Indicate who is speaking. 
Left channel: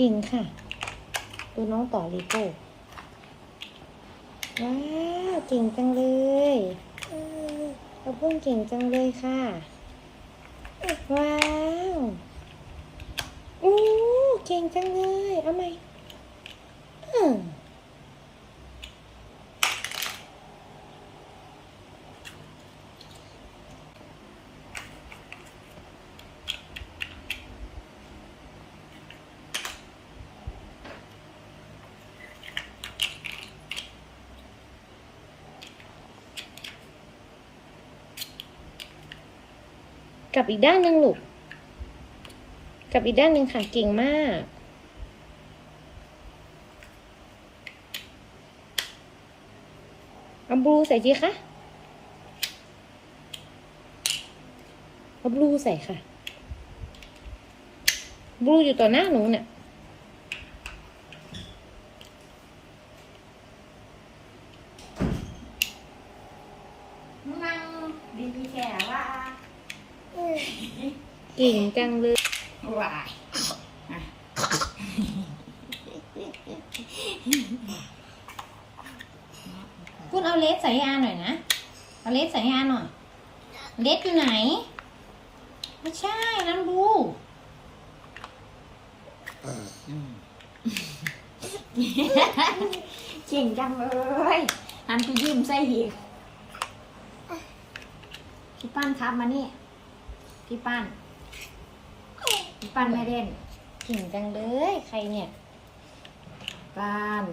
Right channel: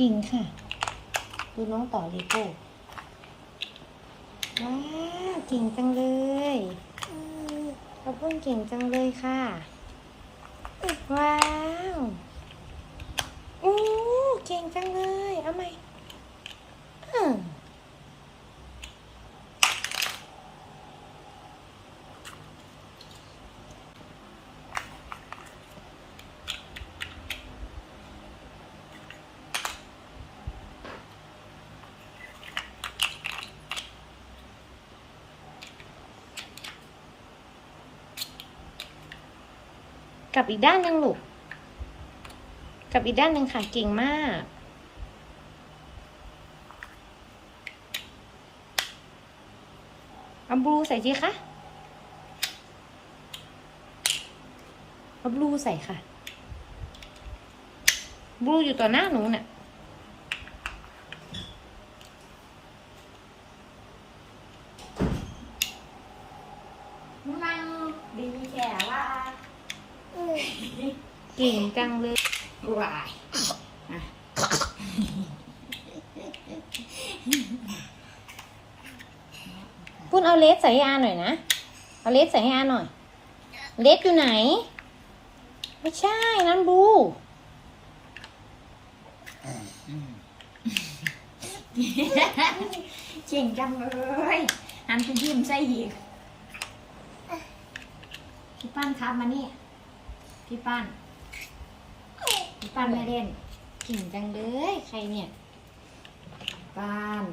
Speaker 1: กิ่งค่ะ ดูน้องต่อลีโก้ว้าวเก่งจังเลยกระเพิ่งเก่งจังเลยค่ะ ว้าวอู้เก่งจังเลย เอาไหมอืม กับอีกด้านหนึ่งลูก กับอีกด้านหนึ่งค่ะ เก่งมาก เอาบลูใส่สิคะเอาบลูใส่ค่ะ บลูอยู่ต่อหน้าหนูน่ะ
Speaker 2: นั่งดีแค่ว่า
Speaker 1: เก่งจังเลย
Speaker 2: ว่า
Speaker 1: ปุ้นเอาเลสใส่ให้อาหน่อยนะ เอาเลสใส่ให้อาหน่อย เลสอยู่ไหน ไม่ใช่นั่นบลู
Speaker 2: จริงจังเลยหันไปยิ้มใส่อีกพี่ป้านครับมานี่ พี่ป้านพี่ป้านไม่เล่น
Speaker 1: เก่งจังเลย ใครเนี่ย
Speaker 2: ป้าน